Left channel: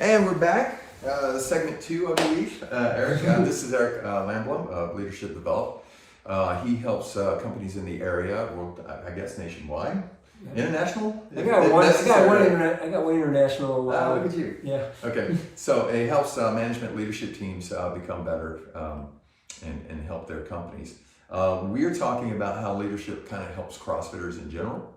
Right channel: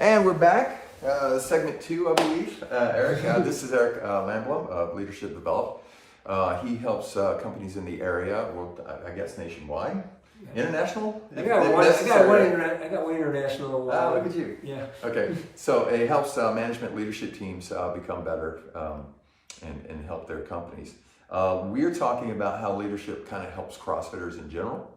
And we're back, segment 2, I believe. Eric, this is Eric Landblom of Leadership Develop. He helps companies in the area, well, I guess nationwide. International? I got one international. Look at you. Yeah. Okay, so he helps management leadership teams become better and help their companies. We're talking about how leadership kind of helps CrossFitters in general.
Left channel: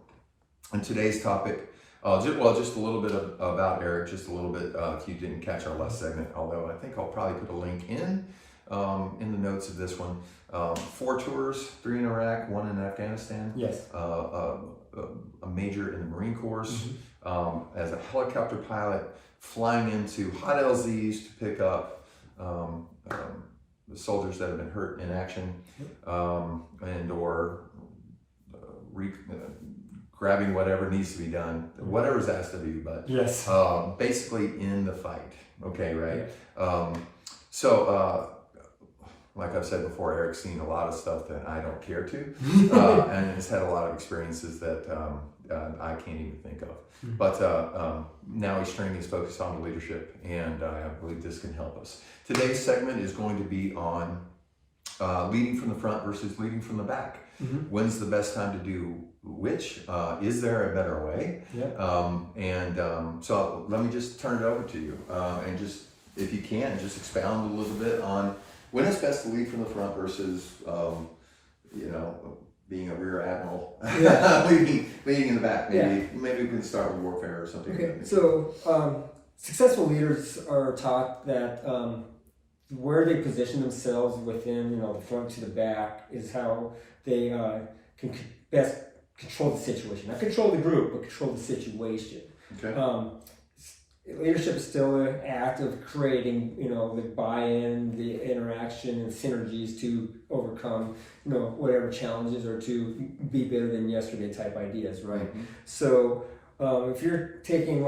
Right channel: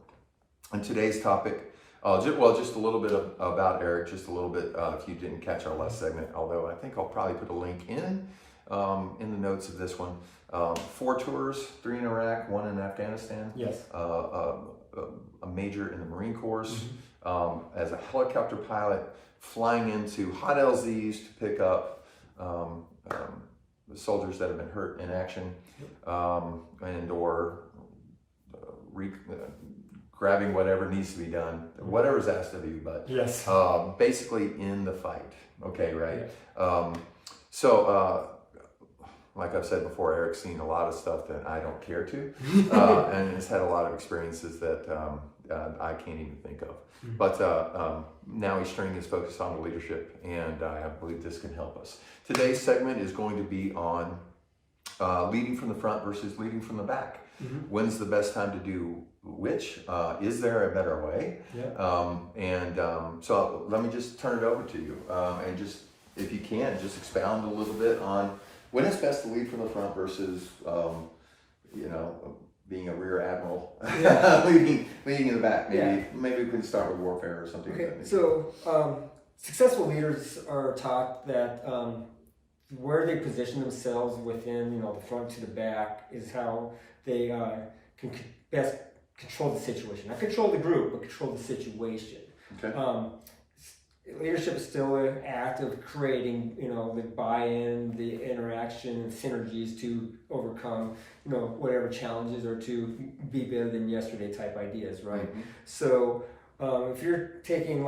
And today's topic, just a little bit about Eric, just a little bit if you didn't catch our last segment, although I think I'll probably put a link in the notes of this one. 4 tours, 3 in Iraq, 1 in Afghanistan. Yes. A major in the Marine Corps, as a helicopter pilot, flying into hot LZs to pick up the soldiers that have been hurt in action, and or grabbing whatever needs to be done, whatever's asked of you, but yes. Basically in the fight. Okay, right? Yeah. Like I've said before, Eric's seen a lot of stuff that I don't care to, and has had a lot of experiences that I can't even think of. But now he's turning his focus on the leadership, and I believe this can help us. Today's segment is going to be on leading from the front versus leading from the back. When's the best time to do which? Is there a better way? Yeah. So let me just turn it over to you, and just, if you can, just expound a little bit on when it's best to lead from the front versus, being a rear admiral, leading in the back. Maybe we can start with warfare or something. Okay, so successful leaders are taught that where they position themselves within, the front to the back is how they can best control the situation. Not control the group, but control the situation. Okay. Leadership is still an act of creating, the buy-in, the interaction, and synergies to overcome, whatever challenges or to be better than yesterday type ideas, right? So if you're taking,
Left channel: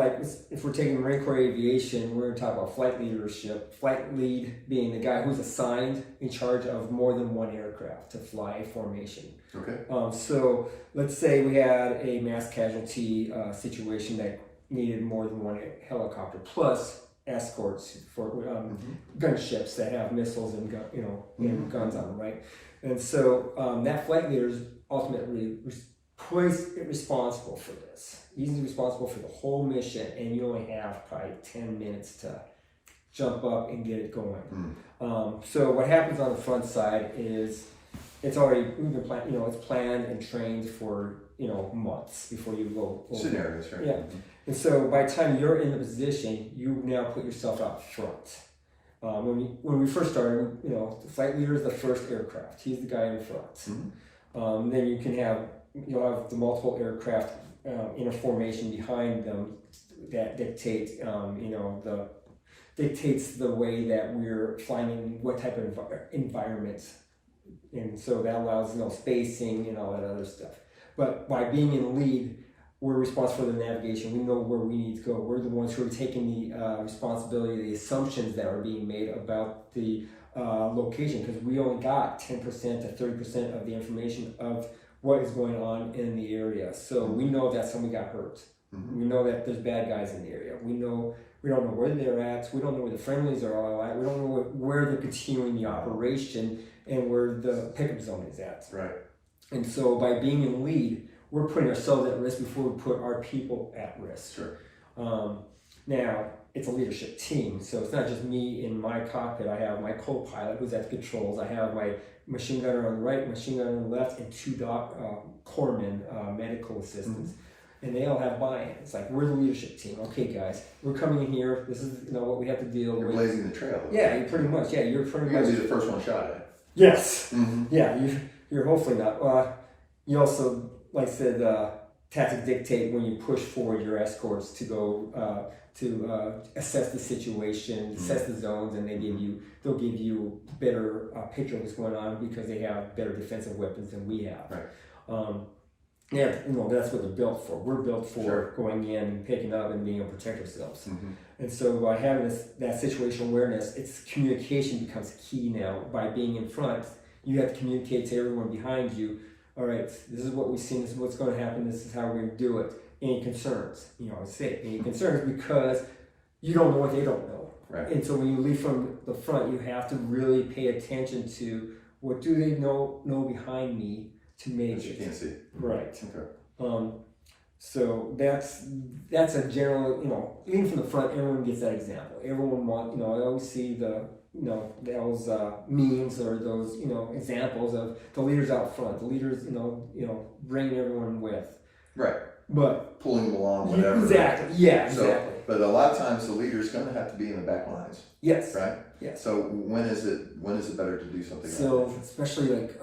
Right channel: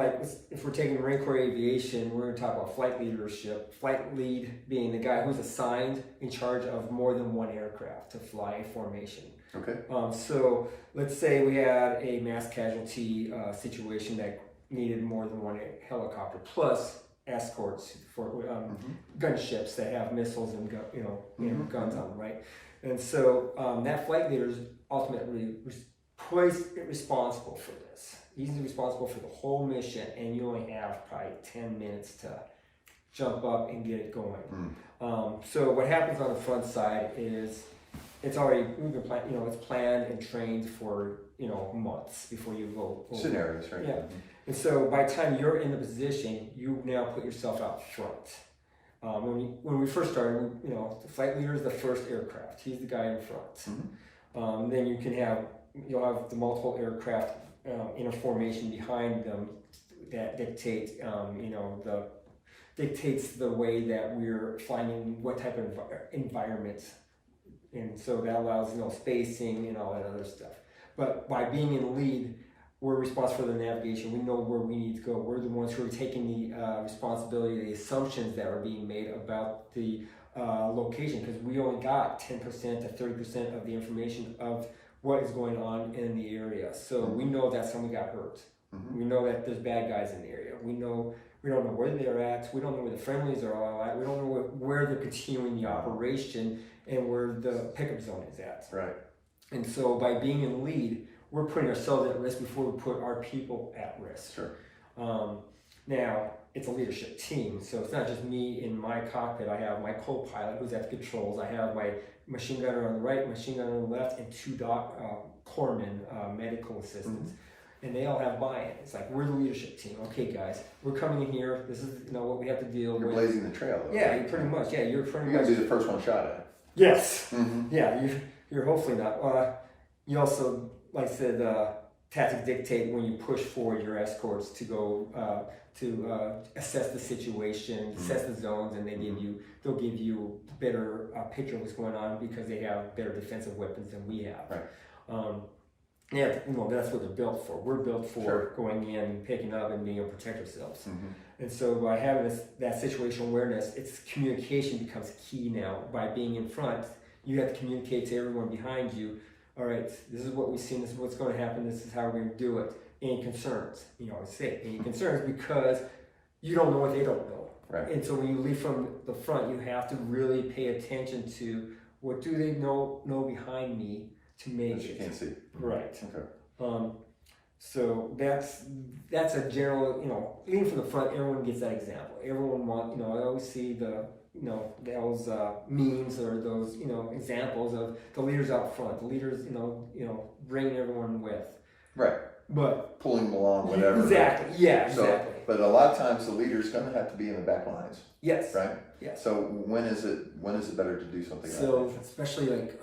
if we're taking Marine Corps Aviation, we're going to talk about flight leadership. Flight lead being the guy who's assigned in charge of more than one aircraft to fly a formation. Okay. So let's say we had a mass casualty situation that needed more than one helicopter plus escorts for gunships that have missiles and guns on them, right? And so that flight leader is ultimately responsible for this. He's responsible for the whole mission, and you only have probably 10 minutes to jump up and get it going. So what happens on the front side is it's already planned, it's planned and trained for months before you go over. Scenarios, right? Yeah. And so by the time you're in the position, you now put yourself out front. When we first started, the flight leader is the first aircraft. He's the guy in front. Then you'll have the multiple aircraft in a formation behind them that dictates the way that we're finding what type of environment. And so that allows spacing and all that other stuff. But by being in lead, we're responsible for the navigation. We know where we need to go. We're the ones who are taking the responsibility, the assumptions that are being made about the location, because we only got 10% to 30% of the information of what is going on in the area. So we know that somebody got hurt. We know that there's bad guys in the area. We don't know where they're at. We don't know where the friendlies are all at. We don't know where they're continuing the operation and where the pickup zone is at. Right. And so by being in lead, we're putting ourselves at risk before we put our people at risk. Sure. Now, it's a leadership team, so it's not just me in my cockpit. I have my co-pilot who's at the controls. I have my machine gunner on the right, machine gunner on the left, and 2 corpsmen, medical assistants. And they all have buy-in. It's like, we're the leadership team. Okay, guys, we're coming in here. This is what we have to deal with. You're blazing the trail. Yeah, you pretty much. Yeah, you're pretty much. You're be the first one shot at. Yes. Yeah, you're hopefully not. You also, like I said, tactics dictate when you push forward your escorts to go to assess the situation, assess the zones, and they'll give you better picture of what's going on because they have better defensive weapons than we have. Right. That's what they're built for. We're built for going in, picking up, and being able to protect ourselves. And so by having that situational awareness, it's communication becomes key now. By being in front, you have to communicate to everyone behind you. All right, this is what we've seen. This is what's going to happen. This is how we're going to do it. Any concerns? I say any concerns because you don't know what they don't know. Right. And so when you lead from the front, you have to really pay attention to what do they know behind me to make That you it. can't see. Right. Okay. So that's a general, leading from the front, everyone gets that example. Everyone I always see those memes or those, examples of the leaders out front, the leaders, bringing everyone with. Right. But pulling them along, whatever. Exactly. Yeah, So, exactly. but a lot of times the leader's going to have to be in the back lines. Yes. Right. Yes. So when is it better to do something like So especially like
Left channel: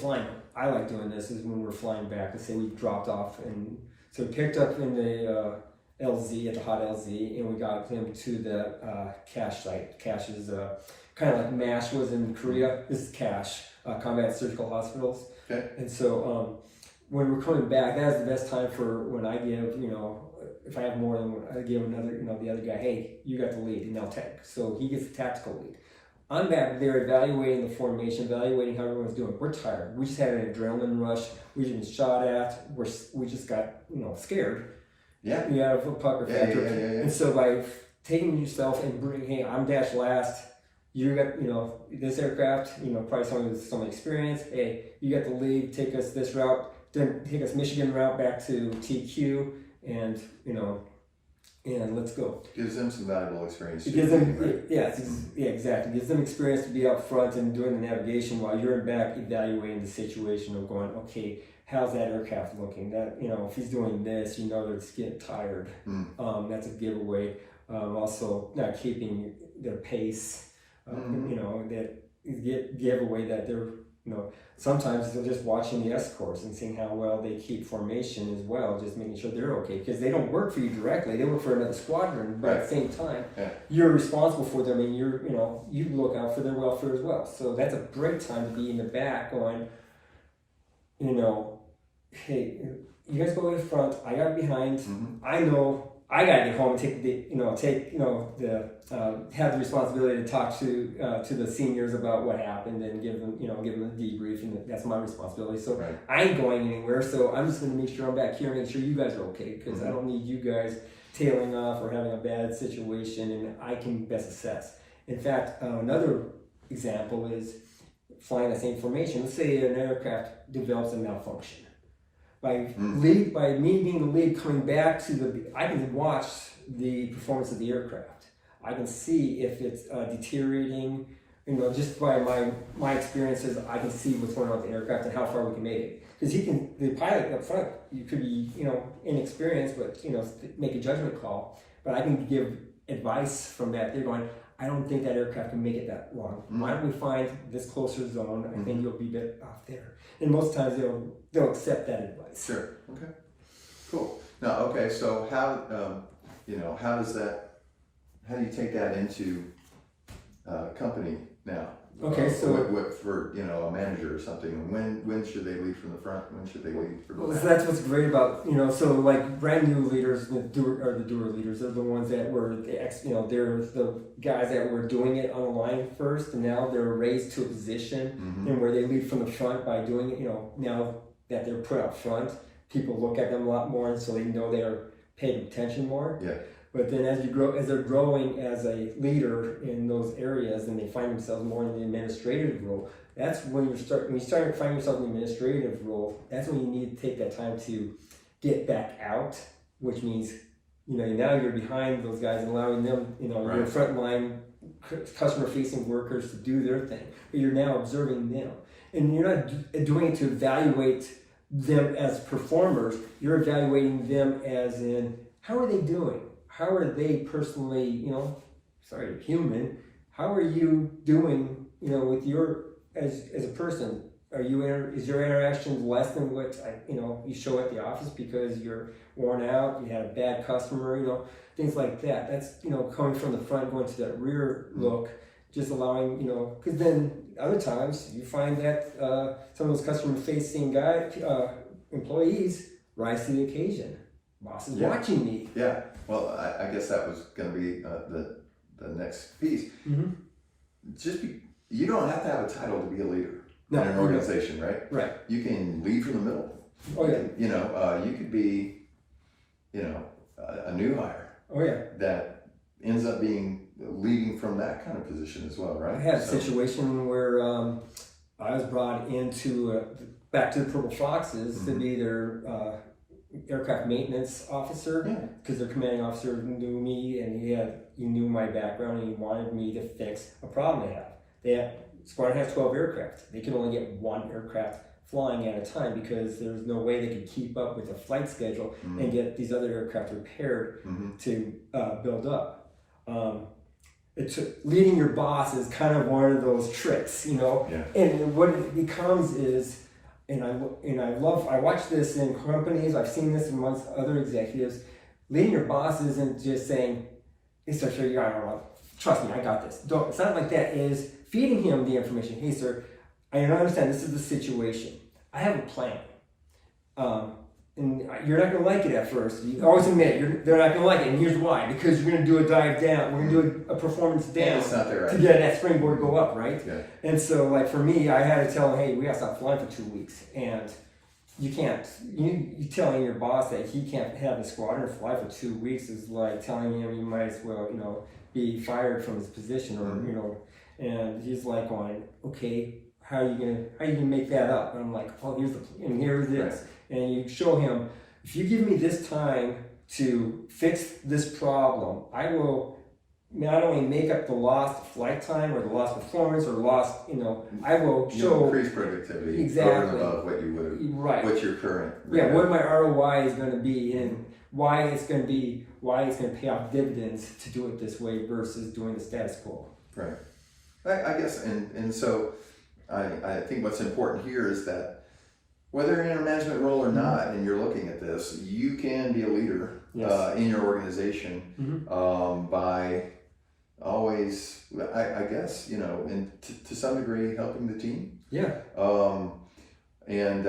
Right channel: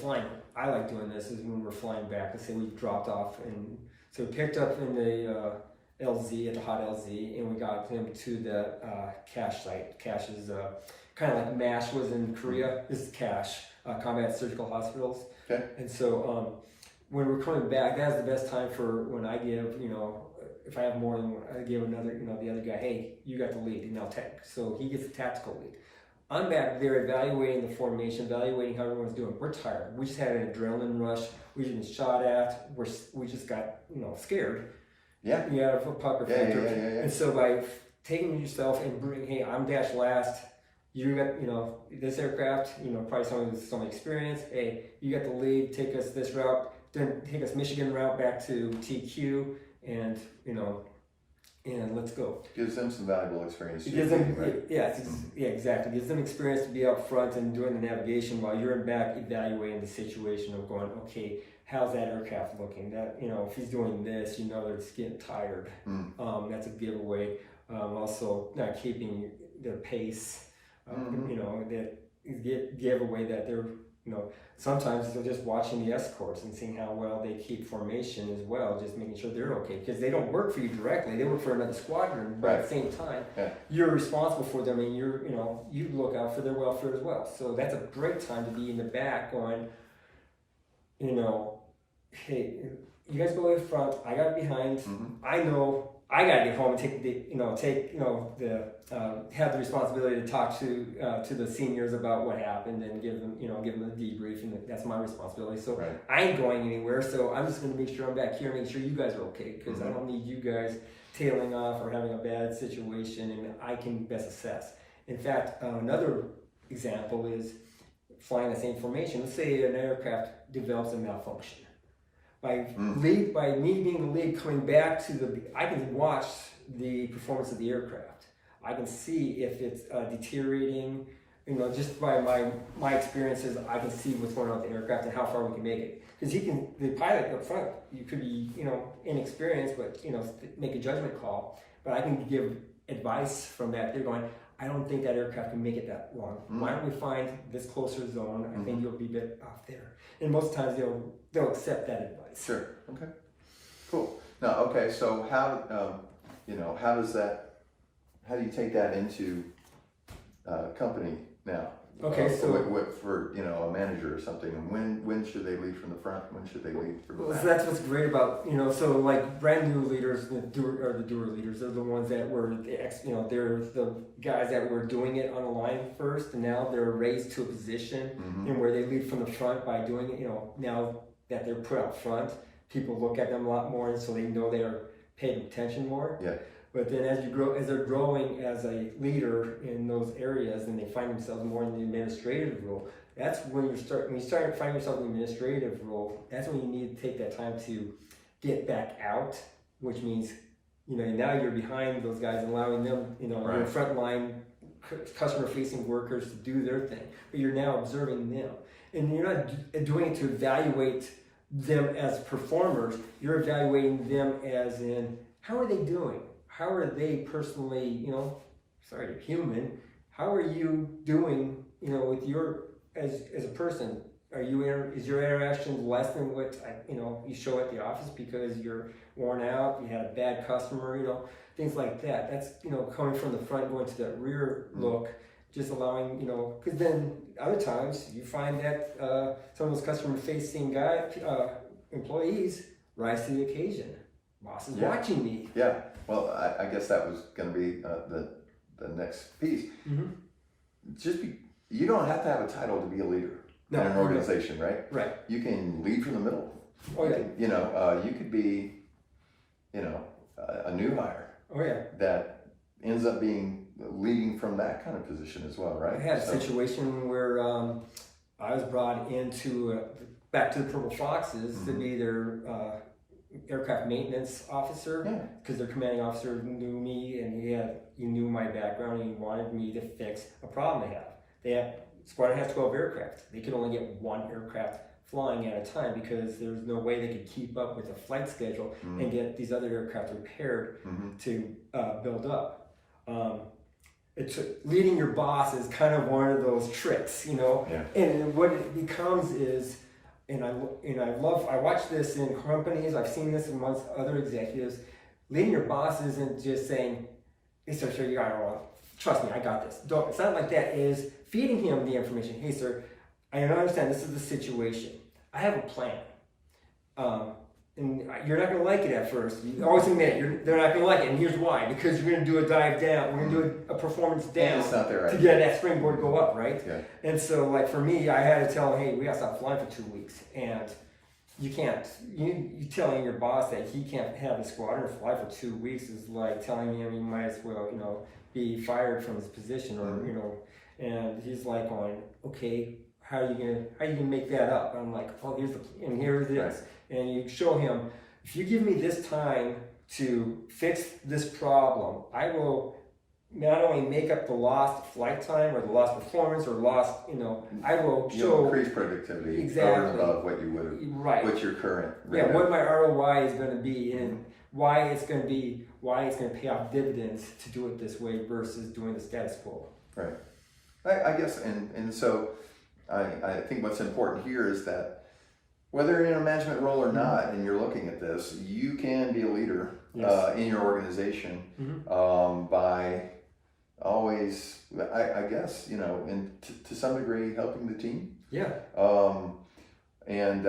flying, I like doing this is when we're flying back. Let's say we dropped off and so we picked up in the LZ at the hot LZ and we got them to the CASH site. CASH is kind of like MASH was in Korea. This is CASH, Combat Surgical Hospitals. Okay. And so when we're coming back, that is the best time for when I give, if I have more than one, I give another, the other guy, hey, you got the lead, and I'll take. So he gets the tactical lead. I'm back there evaluating the formation, evaluating how everyone's doing. We're tired. We just had an adrenaline rush. We just been shot at. We just got, scared. Yeah. You have a pucker factor. Yeah. And so by taking yourself and bringing, hey, I'm dash last. You got, this aircraft, probably someone with some experience. Hey, you got the lead. Take us this route. Then take us Michigan route back to TQ, and and let's go. Gives them some valuable experience. It gives them, right? yeah, exactly. It gives them experience to be out front and doing the navigation while you're in back evaluating the situation of going, okay, how's that aircraft looking? That if he's doing this, they're just getting tired. That's a giveaway. Also, not keeping their pace. That giveaway that they're sometimes they're just watching the escorts and seeing how well they keep formation as well, just making sure they're okay, because they don't work for you directly, they work for another squadron, but at the same time, you're responsible for them, and you look out for their welfare as well. So that's a great time to be in the back going, hey, you guys go in front, I got behind, I know I gotta get home and have the responsibility to talk to the seniors about what happened and give them a debrief, and that's my responsibility. So I ain't going anywhere. So I'm just gonna make sure I'm back here, make sure you guys are okay, because I don't need you guys tailing off or having a bad situation, and I can best assess. In fact, another example is flying the same formation. Let's say an aircraft develops a malfunction. By me being the lead, coming back to I can watch the performance of the aircraft. I can see if it's deteriorating. Just by my experiences, I can see what's going on with the aircraft and how far we can make it. Because the pilot up front, you could be inexperienced, but make a judgment call. But I can give advice from that. They're going, I don't think that aircraft can make it that long. Why don't we find this closer zone? I think you'll be a bit off there. And most times they'll accept that advice. Sure. Okay. Cool. Now, okay. So how do you take that into company now? Okay. So for a manager or something, and when should they lead from the front? When should they lead from the back? So that's what's great about so like brand new leaders, the doer leaders. They're the ones that were they're the guys that were doing it on the line first, and now they're raised to a position and where they lead from the front by doing it. Now that they're put up front, people look at them a lot more, and so they know they're paid attention more. Yeah. But then as they're growing as a leader in those areas, and they find themselves more in the administrative role, that's when you start finding yourself in the administrative role, that's when you need to take that time to get back out, which means, now you're behind those guys and allowing them, your frontline customer facing workers to do their thing, but you're now observing them. And you're not doing it to evaluate them as performers, you're evaluating them as in, how are they doing? How are they personally, human? How are you doing, with as a person? Is your interaction less than what you show at the office because you're worn out, you had a bad customer, things like that. That's coming from the front, going to that rear look, just allowing because then other times you find that some of those customer-facing employees rise to the occasion. Boss is watching me. Yeah. Well, I guess that was going to be the next piece. You don't have to have a title to be a leader in an organization, right? Right. You can lead from the middle. Oh yeah. You could be, a new hire. Oh yeah. That ends up being leading from that kind of position as well, right? I had a situation where I was brought into back to the Purple Foxes to be their aircraft maintenance officer, because their commanding officer knew me and he knew my background and he wanted me to fix a problem they have. Squadron has 12 aircraft. They can only get one aircraft flying at a time because there's no way they could keep up with the flight schedule and get these other aircraft repaired to build up. Leading your boss is kind of one of those tricks, you know. And what it becomes is, and I watch this in companies. I've seen this amongst other executives. Leading your boss isn't just saying, "Hey, sir, you got it wrong. Trust me, I got this." It's not like that. It is feeding him the information. "Hey, sir, I understand this is the situation. I have a plan. And you're not going to like it at first. You always admit they're not going to like it, and here's why. Because you're going to do a dive down. We're going to do a performance down to get that springboard to go up, right?" And so, like for me, I had to tell them, "Hey, we got to stop flying for 2 weeks, and you can't. You telling your boss that he can't have the squadron fly for 2 weeks is like telling him he might as well, be fired from his position, or And he's like, going, "Okay, how are you gonna make that up?" And I'm like, "Oh, here's the plan, and here it is." And you show him, if you give me this time to fix this problem, I will not only make up the lost flight time or the lost performance or lost, I will show increase productivity exactly over what you would, what your current, what my ROI is going to be and why it's going to pay off dividends to do it this way versus doing the status quo. Right. I guess, and so I think what's important here is that whether you're in a management role or not, and you're looking at this, you can be a leader in your organization by always, I guess, and to some degree, helping the team. And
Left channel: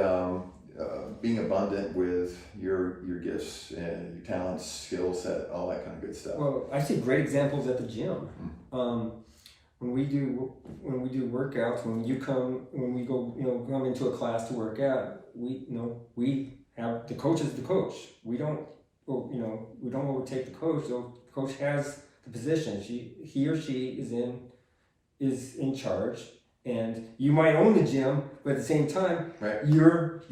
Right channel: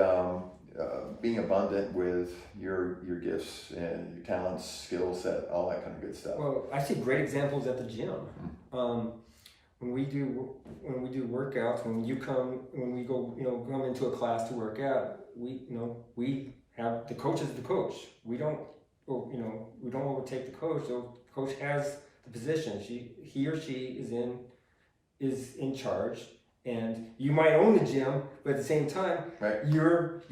being abundant with your gifts and your talents, skill set, all that kind of good stuff. Well, I see great examples at the gym. When we do workouts, when we go, come into a class to work out, we have the coach is the coach. We don't overtake the coach. The coach has the position. He or she is in charge, and you might own the gym, but at the same time, you've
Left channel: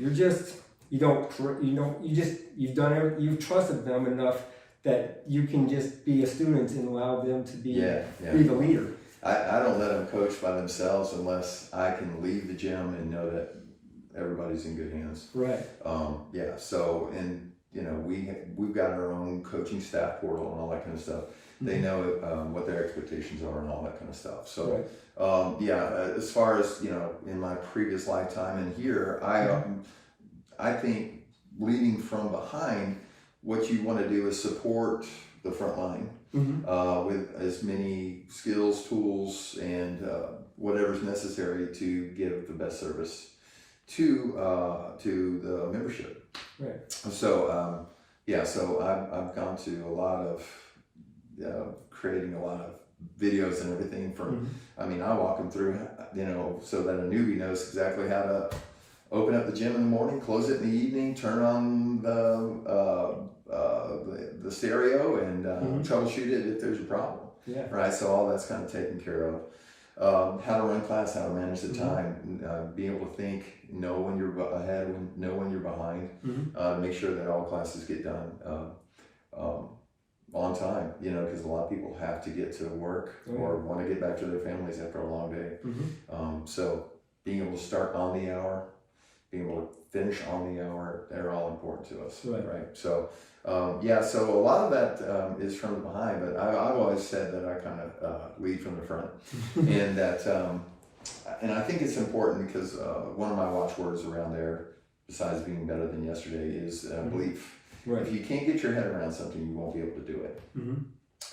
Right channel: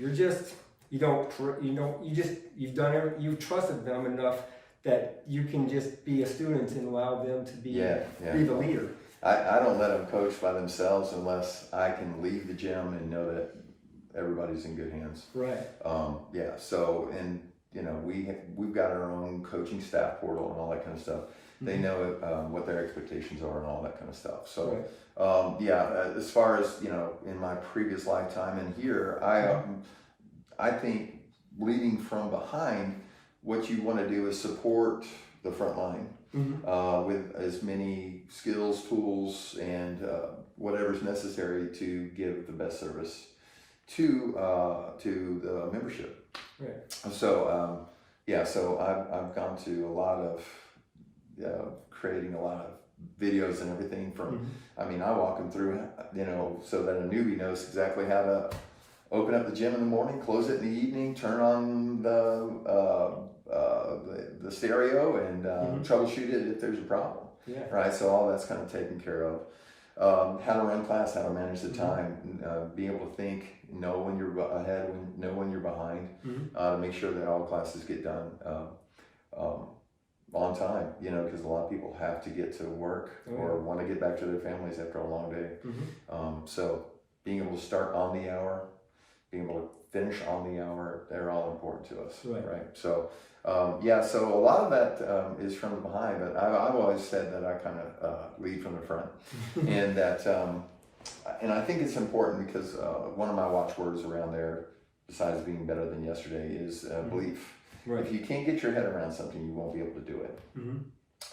trusted them enough that you can just be a student and allow them to be the leader. I don't let them coach by themselves unless I can leave the gym and know that everybody's in good hands. Right. So, and we've got our own coaching staff portal and all that kind of stuff. They know what their expectations are and all that kind of stuff. So, as far as in my previous lifetime and here, I think leading from behind, what you want to do is support the front line. With as many skills, tools, and whatever's necessary to give the best service to the membership. Right. So I've gone to a lot of creating a lot of videos and everything from. I walk them through, so that a newbie knows exactly how to open up the gym in the morning, close it in the evening, turn on the stereo, and troubleshoot it if there's a problem. Right. So all that's kind of taken care of. How to run class, how to manage the time, be able to think, know when you're ahead, know when you're behind, to make sure that all classes get done on time. Because a lot of people have to get to work or want to get back to their families after a long day. So being able to start on the hour, being able to finish on the hour, they're all important to us. Right. So, so a lot of that is from behind, but I've always said that I kind of lead from the front. And that, and I think it's important because one of my watchwords around there, besides being better than yesterday, is belief. Right. If you can't get your head around something, you won't be able to do it.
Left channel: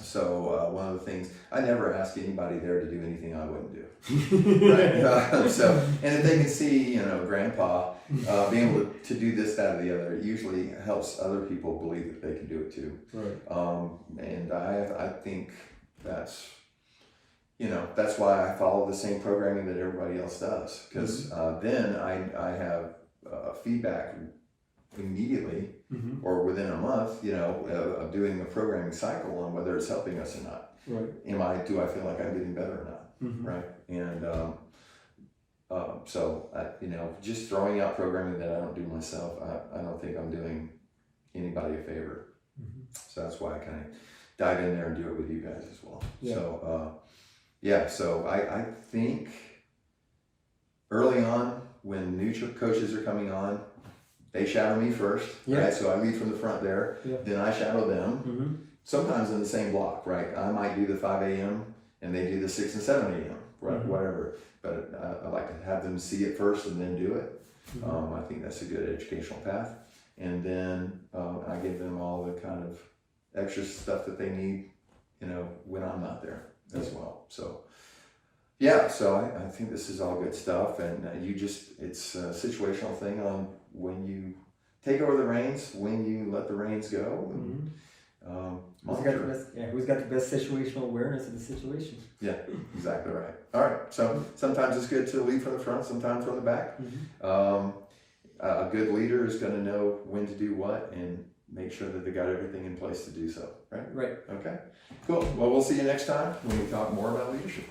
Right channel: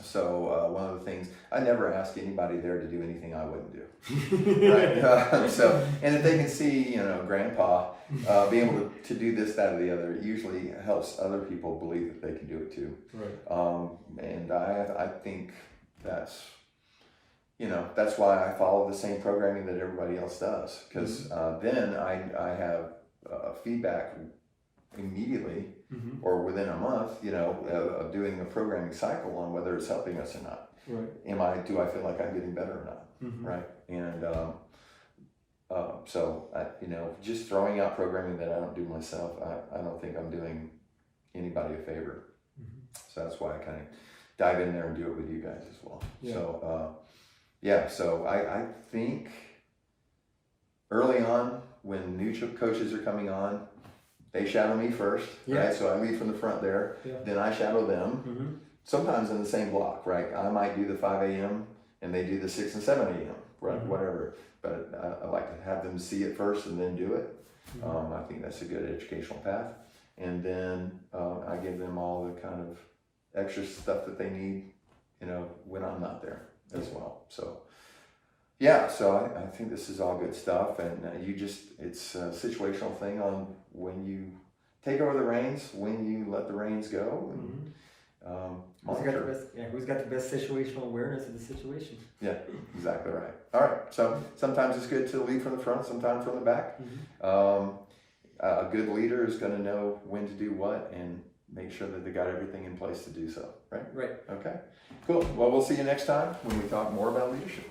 So one of the things, I never ask anybody there to do anything I wouldn't do. And if they can see, Grandpa being able to do this, that, or the other, it usually helps other people believe that they can do it too. Right. And I think that's why I follow the same programming that everybody else does, because then I have feedback immediately or within a month, of doing a programming cycle on whether it's helping us or not. Right. Do I feel like I'm getting better or not? Right. And so just throwing out programming that I don't do myself, I don't think I'm doing anybody a favor. So that's why I kind of dive in there and do it with you guys as well. So I think early on when new coaches are coming on, they shadow me first, right? So I lead from the front there, then I shadow them, sometimes in the same block, right? I might do the 5 a.m. and they do the 6 and 7 a.m., right? Whatever. But I like to have them see it first and then do it. I think that's a good educational path. And then I give them all the kind of extra stuff that they need, when I'm not there as well. So, so I think this is all good stuff. And it's a situational thing on when you take over the reins, when you let the reins go. And, who's got the best situational awareness of the situation? Yeah, exactly right. All right. So sometimes it's good to lead from the front, sometimes from the back. A good leader is going to know when to do what and make sure that they got everything in place to do so. Right? Right. Okay. Cool. Well, we'll see you next time when we talk more about leadership.